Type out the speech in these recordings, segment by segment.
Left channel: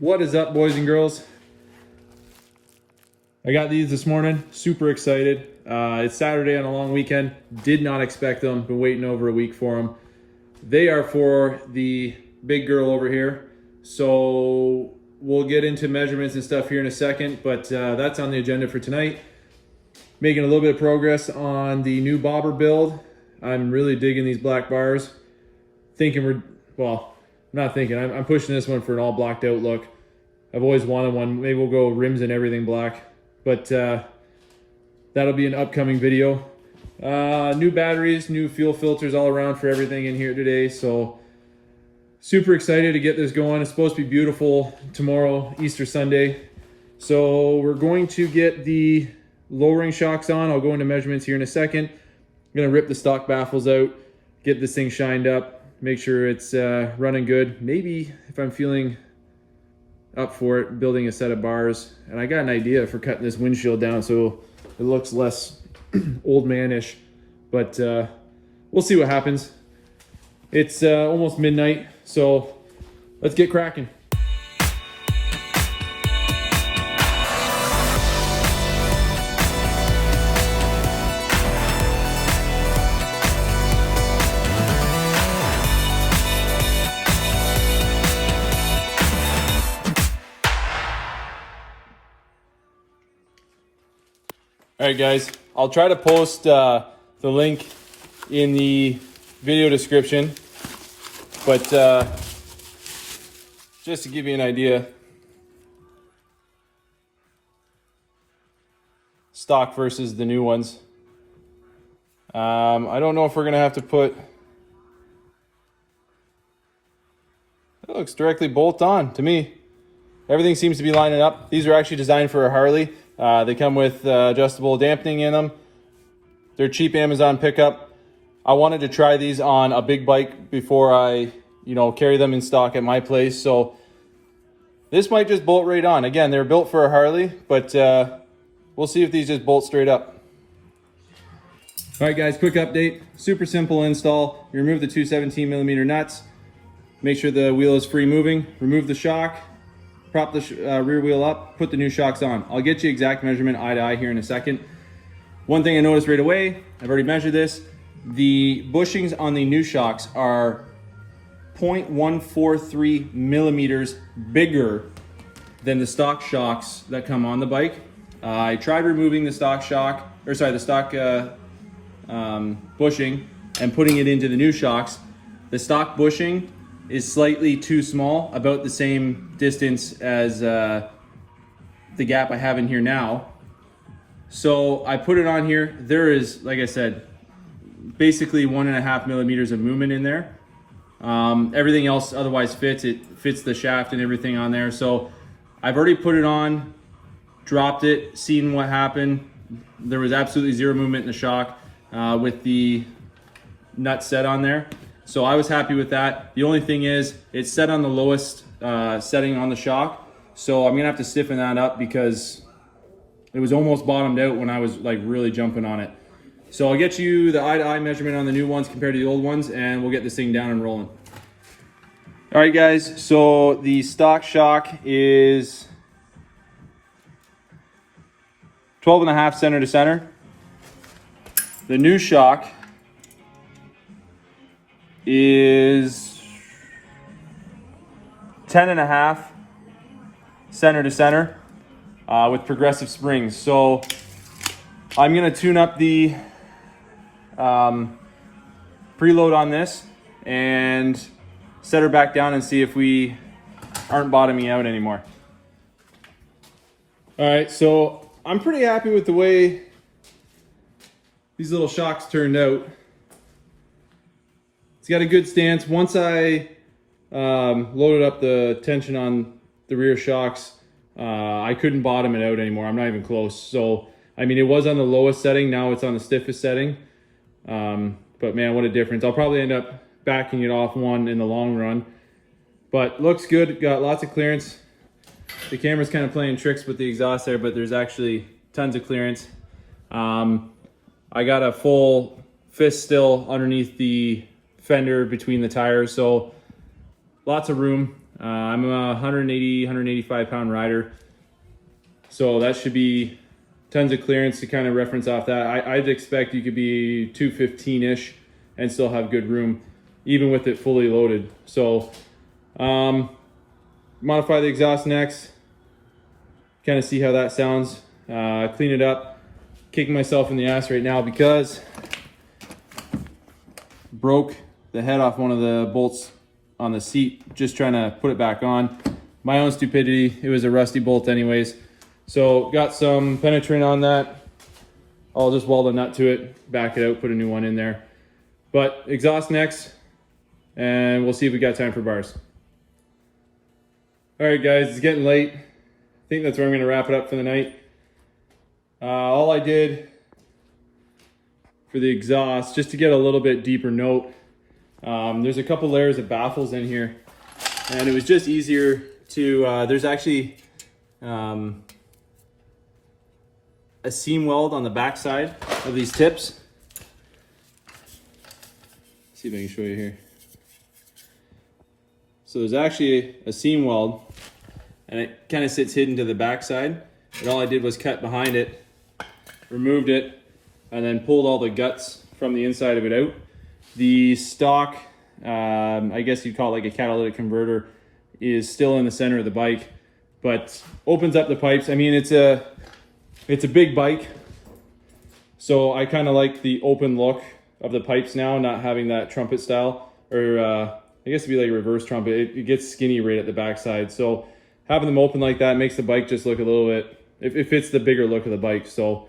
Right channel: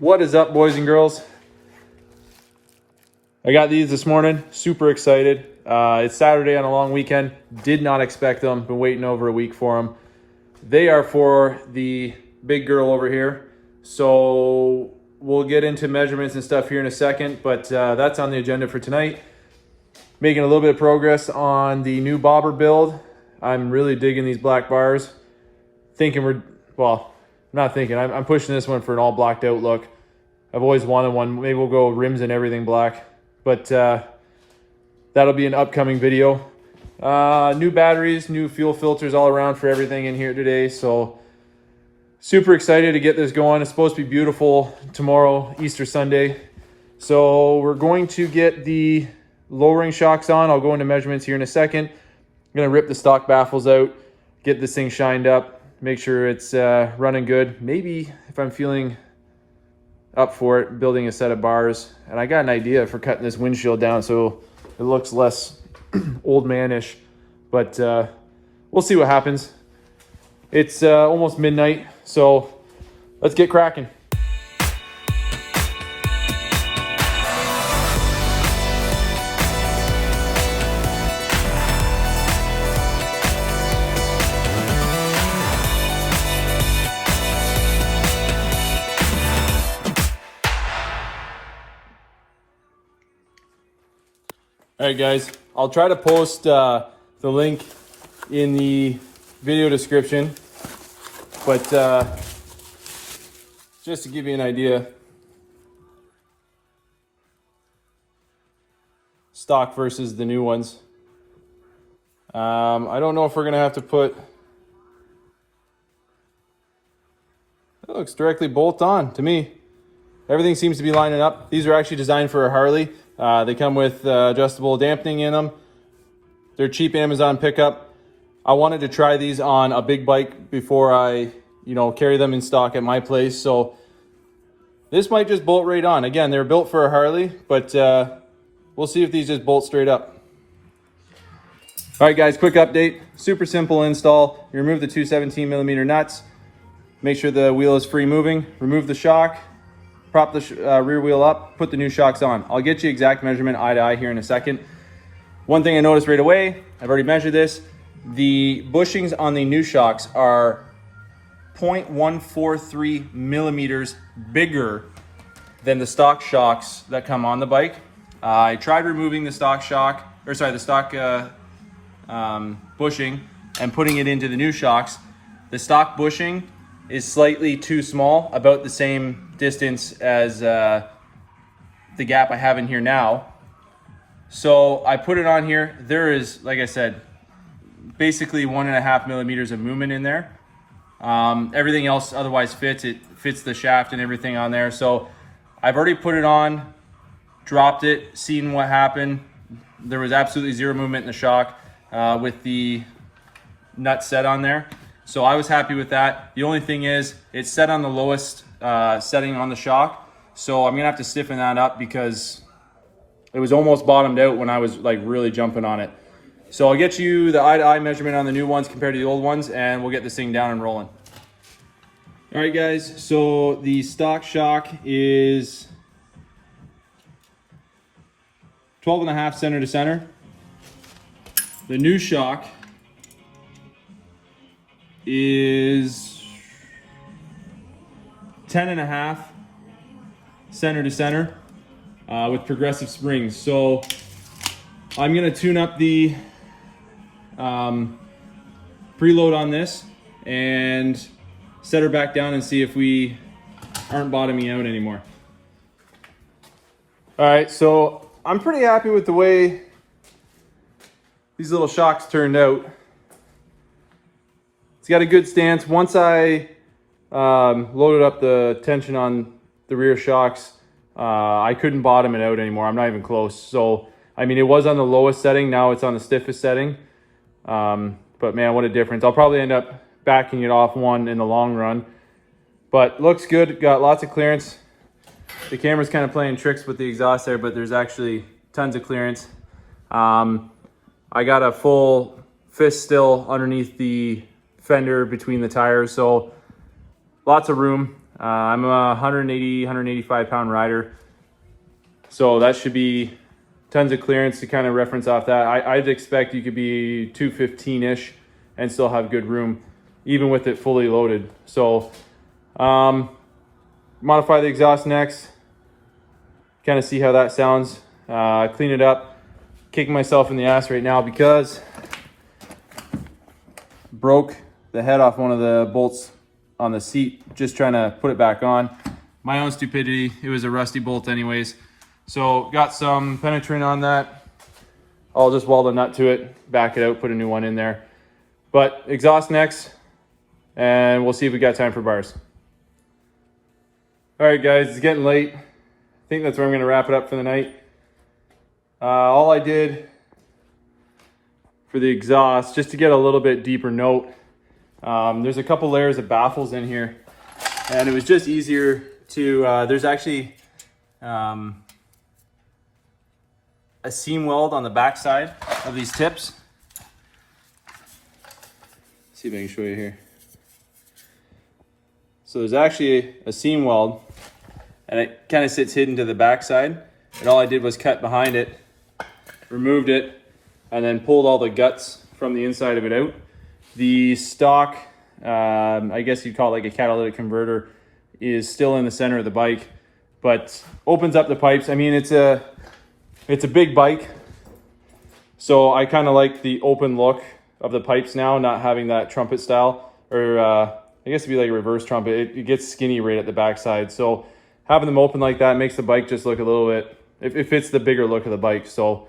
What is up, boys and girls? I got these this morning, super excited. It's Saturday on a long weekend. Did not expect them, been waiting over a week for them. They are for the big girl over here. So we'll get into measurements and stuff here in a second, but that's on the agenda for tonight. Making a little bit of progress on the new bobber build. I'm really digging these black bars. I'm pushing this one for an all blacked out look. I've always wanted one. Maybe we'll go rims and everything black, but that'll be an upcoming video. New batteries, new fuel filters all around for everything in here today. So super excited to get this going. It's supposed to be beautiful tomorrow, Easter Sunday. So we're going to get the lowering shocks on. I'll go into measurements here in a second. I'm gonna rip the stock baffles out, get this thing shined up, make sure it's running good. Maybe if I'm feeling up for it, building a set of bars. And I got an idea for cutting this windshield down so it looks less old man-ish, but we'll see what happens. It's almost midnight, so let's get cracking. All right, guys, I'll try to post the link in the video description, but just to give you an idea, stock versus the new ones. I don't know if we're gonna have to put, it looks directly bolt on to me. Everything seems to be lining up. These are actually designed for a Harley. They come with adjustable dampening in them. They're cheap Amazon pickup. I wanted to try these on a big bike before I, carry them in stock at my place. So this might just bolt right on. Again, they're built for a Harley, but we'll see if these just bolt straight up. All right, guys, quick update. Super simple install. You remove the two 17mm nuts. Make sure the wheel is free moving. Remove the shock. Prop the rear wheel up, put the new shocks on. I'll get you exact measurement eye to eye here in a second. One thing I noticed right away, I've already measured this, the bushings on the new shocks are 0.143 millimeters bigger than the stock shocks that come on the bike. I tried removing the stock bushing and putting it into the new shocks. The stock bushing is slightly too small, about the same distance as the gap I have in here now. So I put it on here. There is, like I said, basically 1.5 millimeters of movement in there. Everything else otherwise fits. It fits the shaft and everything on there. So I've already put it on, dropped it, seen what happened. There was absolutely zero movement in the shock with the nut set on there. So I was happy with that. The only thing is it's set on the lowest setting on the shock. So I'm gonna have to stiffen that up because it was almost bottomed out when I was like really jumping on it. So I'll get you the eye to eye measurement on the new ones compared to the old ones, and we'll get this thing down and rolling. All right, guys, so the stock shock is 12.5 center to center. The new shock is 10.5 center to center with progressive springs. So I'm gonna tune up the preload on this and set her back down and see if we aren't bottoming out anymore. All right, so I'm pretty happy with the way these little shocks turned out. It's got a good stance. Once I loaded up the tension on the rear shocks, I couldn't bottom it out anymore. I'm not even close. So, I mean, it was on the lowest setting. Now it's on the stiffest setting. But man, what a difference. I'll probably end up backing it off one in the long run. But looks good. Got lots of clearance. The camera's kind of playing tricks with the exhaust there, but there's actually tons of clearance. I got a full fist still underneath the fender between the tires, so lots of room. I'm a 180, 185 pound rider. So that should be tons of clearance to kind of reference off that. I'd expect you could be 215-ish and still have good room, even with it fully loaded. So modify the exhaust next, kind of see how that sounds. Clean it up, kicking myself in the ass right now because broke the head off one of the bolts on the seat, just trying to put it back on. My own stupidity, it was a rusty bolt anyways. So got some penetrant on that. I'll just weld a nut to it, back it out, put a new one in there. But exhaust next, and we'll see if we got time for bars. All right guys, it's getting late. I think that's where I'm gonna wrap it up for the night. All I did for the exhaust, just to get a little bit deeper note, there's a couple layers of baffles in here, and it was just easier to, there's actually a seam weld on the back side of these tips. See if I can show you here. So there's actually a seam weld, and it kind of sits hidden to the back side. And all I did was cut behind it, removed it, and then pulled all the guts from the inside of it out. The stock, I guess you'd call it like a catalytic converter, is still in the center of the bike, but opens up the pipes. I mean, it's a big bike, so I kind of like the open look of the pipes now, not having that trumpet style, or I guess it'd be like a reverse trumpet. It gets skinny right at the backside, so having them open like that makes the bike just look a little bit, it fits the bigger look of the bike. So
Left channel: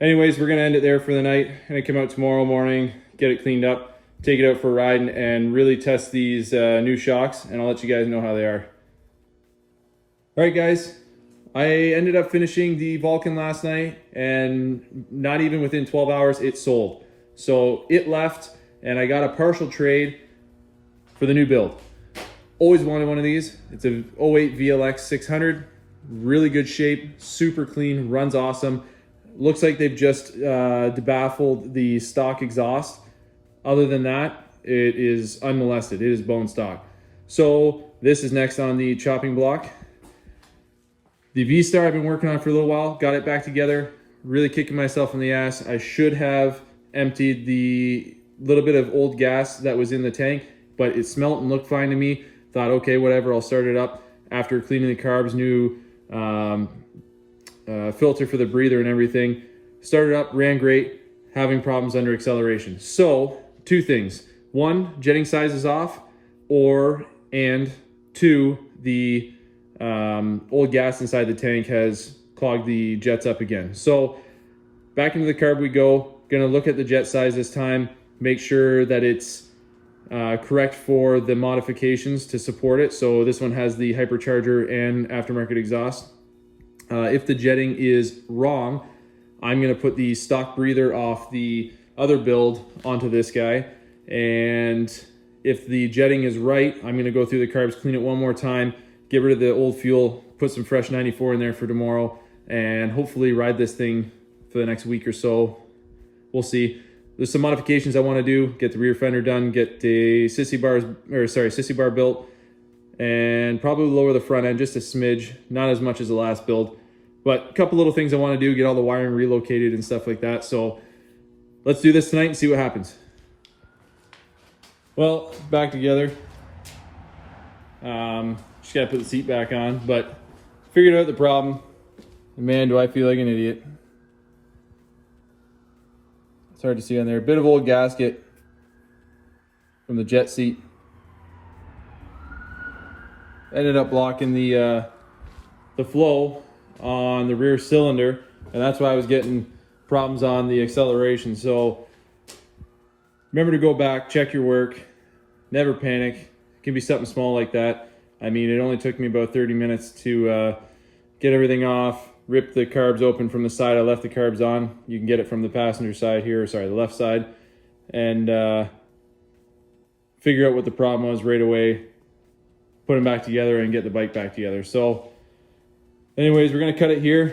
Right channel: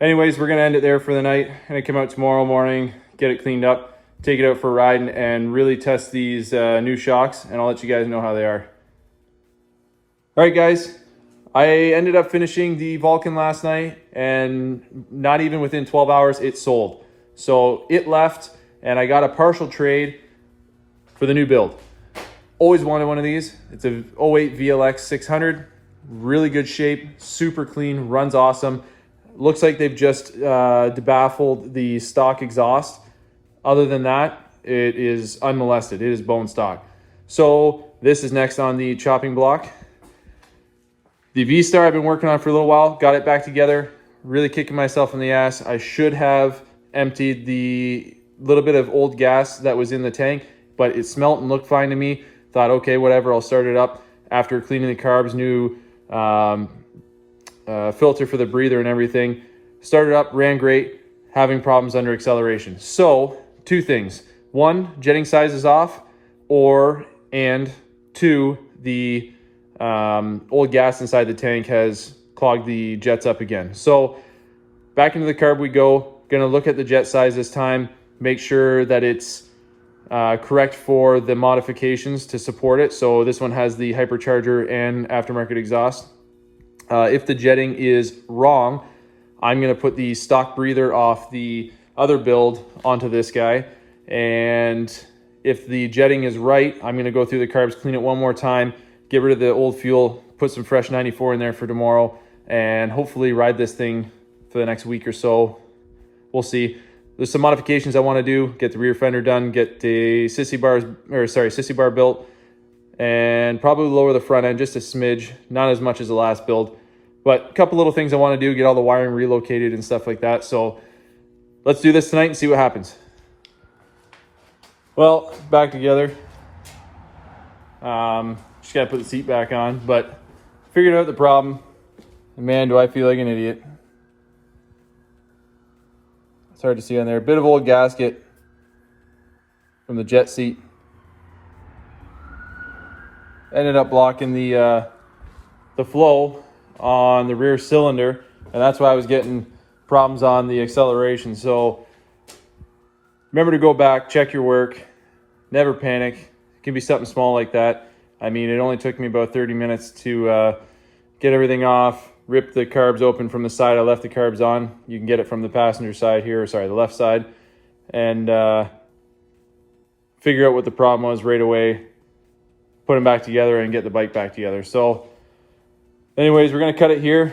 anyways, we're gonna end it there for the night. Gonna come out tomorrow morning, get it cleaned up, take it out for a ride, and really test these new shocks, and I'll let you guys know how they are. All right guys, I ended up finishing the Vulcan last night, and not even within 12 hours it sold. So it left, and I got a partial trade for the new build. Always wanted one of these. It's a 08 VLX 600, really good shape, super clean, runs awesome. Looks like they've just debaffled the stock exhaust. Other than that, it is unmolested. It is bone stock. So this is next on the chopping block. The V-Star I've been working on for a little while, got it back together, really kicking myself in the ass. I should have emptied the little bit of old gas that was in the tank, but it smelt and looked fine to me. Thought, okay, whatever, I'll start it up after cleaning the carbs, new filter for the breather and everything. Started up, ran great, having problems under acceleration. So, two things. One, jetting size is off, and two, the old gas inside the tank has clogged the jets up again. So back into the carb we go. Gonna look at the jet size this time, make sure that it's correct for the modifications to support it. So this one has the hypercharger and aftermarket exhaust. If the jetting is wrong, I'm gonna put the stock breather off the other build onto this guy. And if the jetting is right, I'm gonna go through the carbs, clean it one more time, get rid of the old fuel, put some fresh 94 in there for tomorrow, and hopefully ride this thing for the next week or so. We'll see. There's some modifications I want to do, get the rear fender done, get the sissy bar built, and probably lower the front end just a smidge, not as much as the last build, but a couple little things I want to do, get all the wiring relocated and stuff like that. So let's do this tonight and see what happens. Well, back together. Just gotta put the seat back on, but figured out the problem. And man, do I feel like an idiot. It's hard to see on there. A bit of old gasket from the jet seat. Ended up blocking the flow on the rear cylinder, and that's why I was getting problems on the acceleration. So remember to go back, check your work, never panic. It can be something small like that. I mean, it only took me about 30 minutes to get everything off, rip the carbs open from the side. I left the carbs on. You can get it from the passenger side here, sorry, the left side, and figure out what the problem was right away, put them back together and get the bike back together. So anyways, we're gonna cut it here.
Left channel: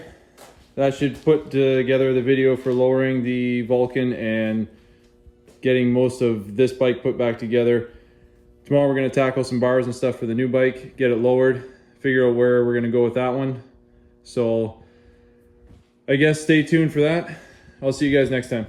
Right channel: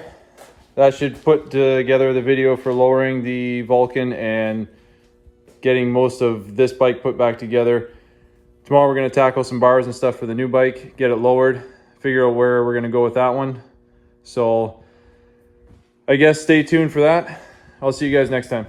That should put together the video for lowering the Vulcan and getting most of this bike put back together. Tomorrow we're gonna tackle some bars and stuff for the new bike, get it lowered, figure out where we're gonna go with that one. So I guess stay tuned for that. I'll see you guys next time.